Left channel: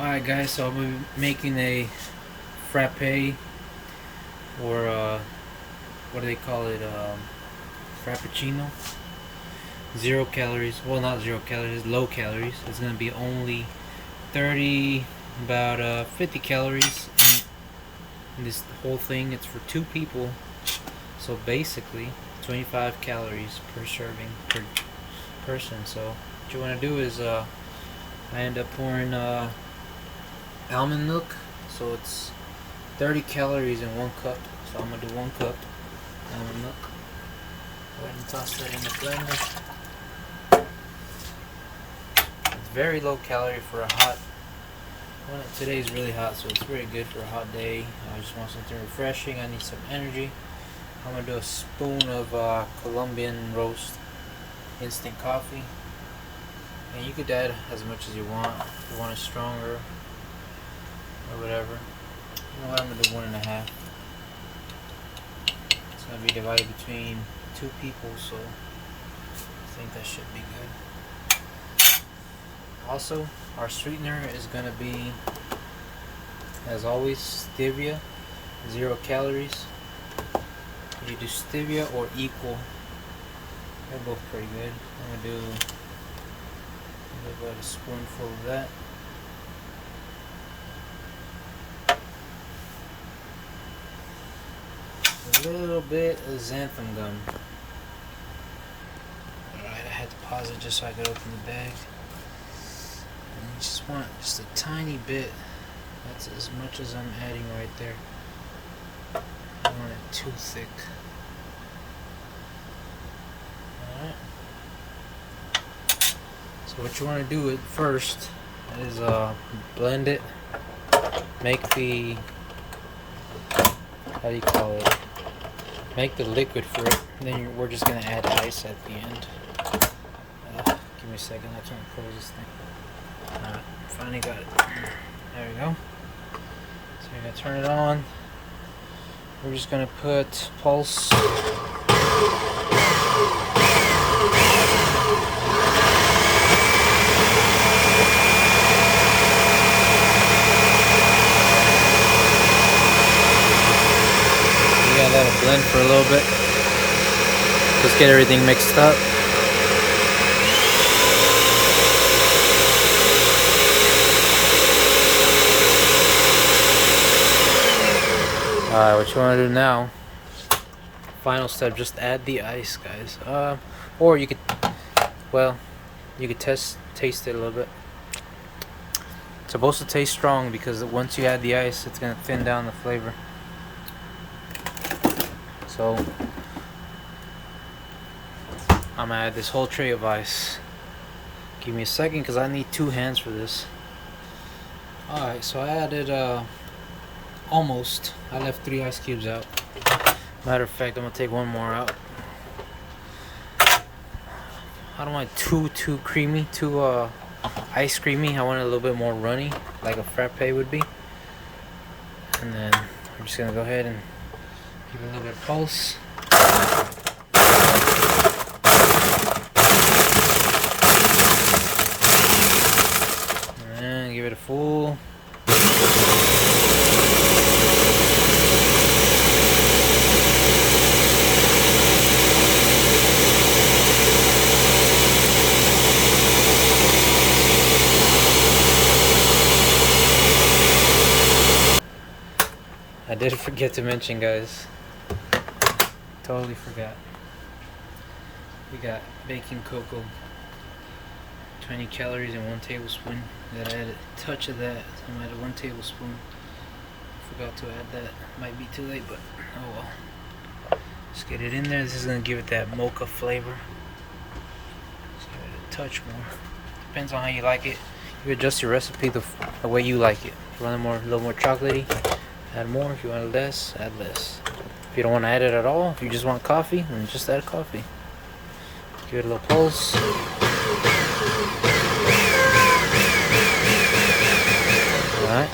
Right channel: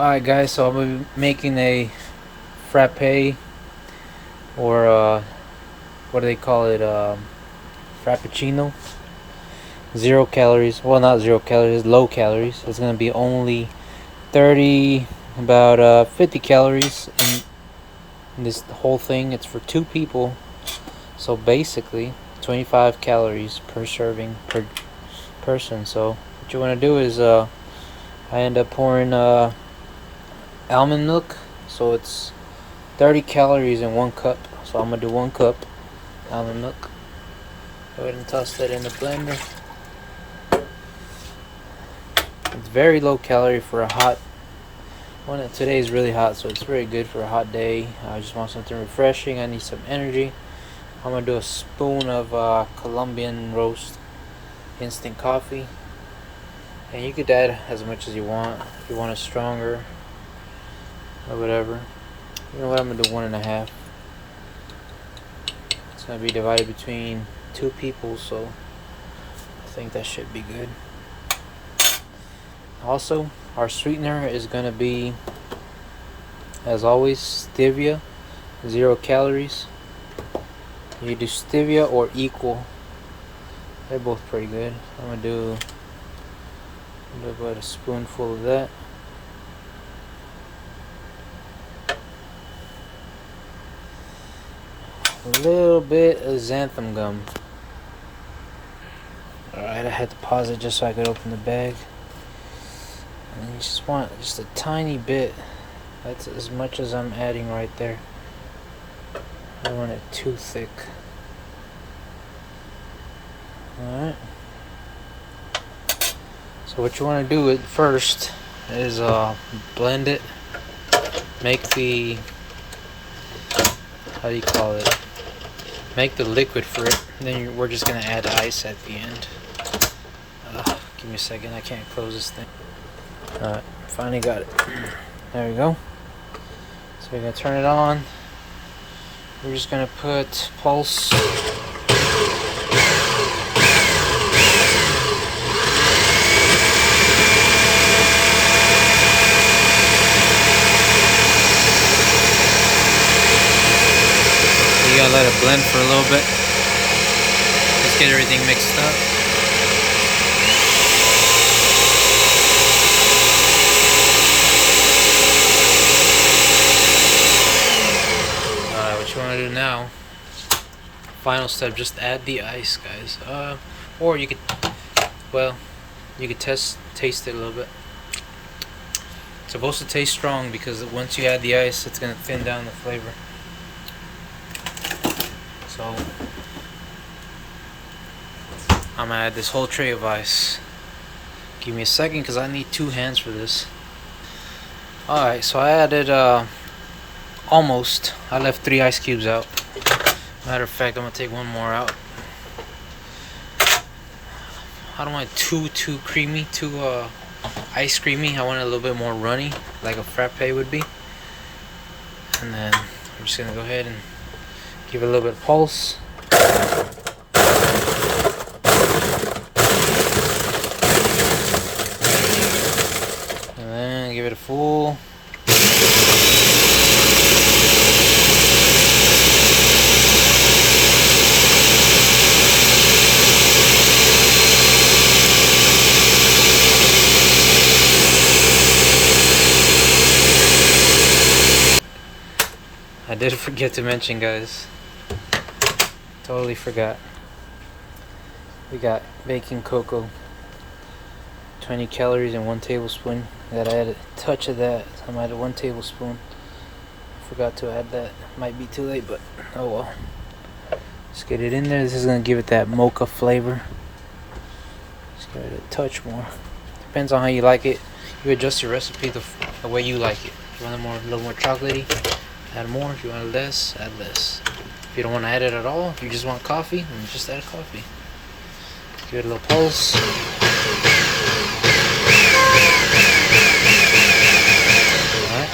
Alright guys, so I'm making a frappe, or what do they call it, Frappuccino. 0 calories, well, not 0 calories, low calories. It's gonna be only 30, about 50 calories in this whole thing. It's for 2 people, so basically 25 calories per serving per person. So what you want to do is I end up pouring almond milk, so it's 30 calories in 1 cup. So I'm gonna do 1 cup almond milk. Go ahead and toss that in the blender. It's very low calorie for a hot one. Today is really hot, so it's very good for a hot day. I just want something refreshing. I need some energy. I'm gonna do a spoon of Colombian roast instant coffee, and you could add as much as you want. If you want it stronger or whatever. You know what, I'm gonna do 1.5. It's gonna be divided between 2 people, so I think that should be good. Also, our sweetener is gonna be, as always, stevia, 0 calories. You do stevia or equal. They're both pretty good. I'm gonna do about a spoonful of that. A little bit of xanthan gum. Alright, I had to pause it just so I could open the bag. And you just want just a tiny bit. That's as much as I'm adding right there. I don't want it too thick. Alright. So what you want to do first is blend it. Make the, how do you call it? Make the liquid for it. Then we're just gonna add ice at the end. Give me a second. I can't close this thing. Alright, finally got it. There we go. So we're gonna turn it on. We're just gonna put pulse. You gotta let it blend for a little bit. Just get everything mixed up. What you want to do now, final step, just add the ice, guys. Or you could, well, you could taste it a little bit. It's supposed to taste strong because once you add the ice, it's gonna thin down the flavor. So I'm gonna add this whole tray of ice. Give me a second because I need 2 hands for this. Alright, so I added almost. I left 3 ice cubes out. Matter of fact, I'm gonna take 1 more out. I don't want it too creamy, too ice creamy. I want it a little bit more runny, like a frappe would be. And then I'm just gonna go ahead and give it a little bit of pulse. And then give it a full. I did forget to mention, guys. Totally forgot. We got baking cocoa. 20 calories and 1 tablespoon. Gotta add a touch of that. So I'm gonna add 1 tablespoon. Forgot to add that. Might be too late, but oh well. Just get it in there. This is gonna give it that mocha flavor. Just give it a touch more. Depends on how you like it. You adjust your recipe the way you like it. If you want a little more chocolatey, add more. If you want less, add less. If you don't want to add it at all, if you just want coffee, then just add coffee. Give it a little pulse. Alright.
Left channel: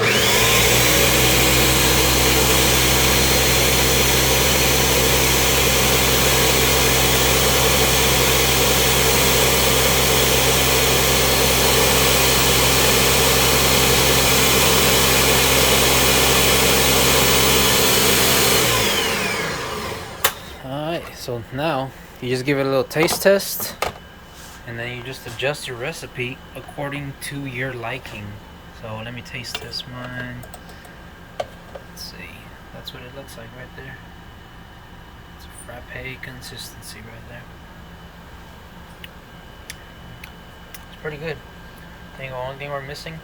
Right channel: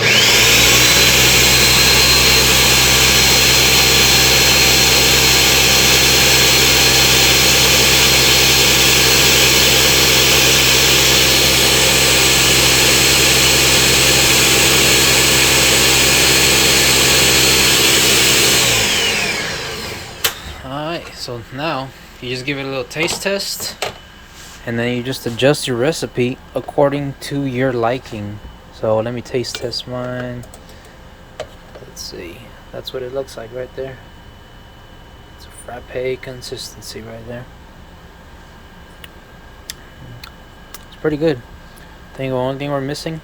now you just give it a little taste test, and then you just adjust your recipe according to your liking. So let me taste test mine. Let's see. That's what it looks like right there. It's a frappe consistency right there. It's pretty good. I think the only thing we're missing,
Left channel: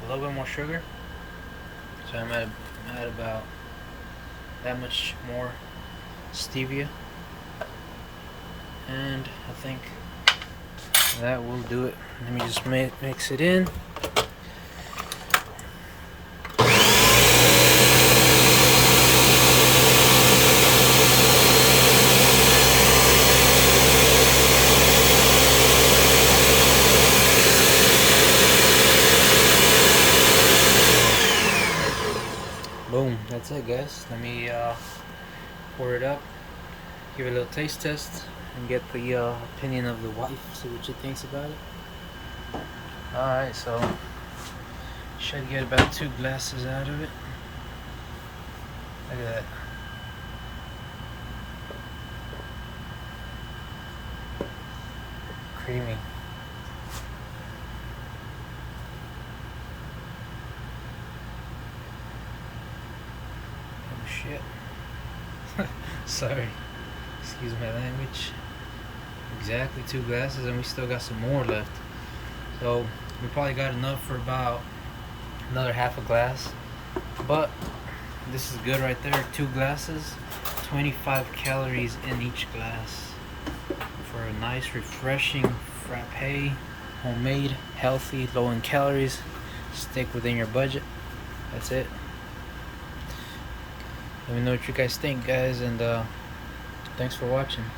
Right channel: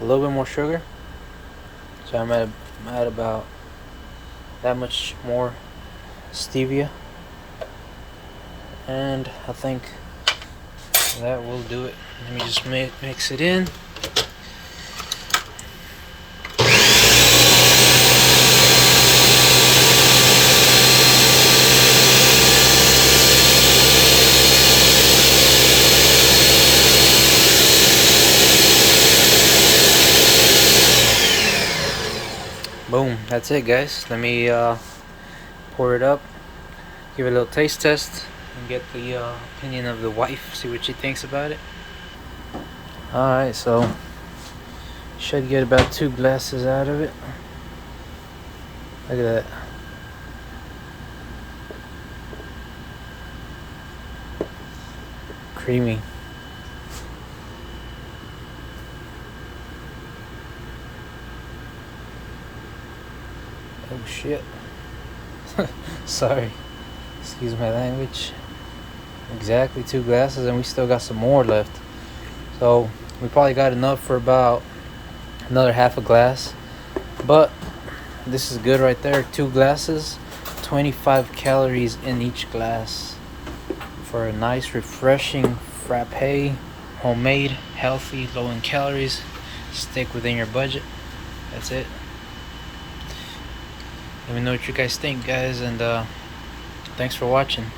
a little bit more sugar. So I'm at about that much more stevia, and I think that will do it. Let me just mix it in. Boom, that's it, guys. Let me pour it up, give it a little taste test, and get the opinion of the wife, see what she thinks about it. Alright, so should get about 2 glasses out of it. Look at that. Creamy. Oh shit. Sorry. Excuse my language. Exactly 2 glasses, and we still got some more left. So we probably got enough for about another half a glass. But this is good right there. 2 glasses, 25 calories in each glass for a nice refreshing frappe, homemade, healthy, low in calories. Stick within your budget. That's it. Let me know what you guys think, guys, and thanks for watching.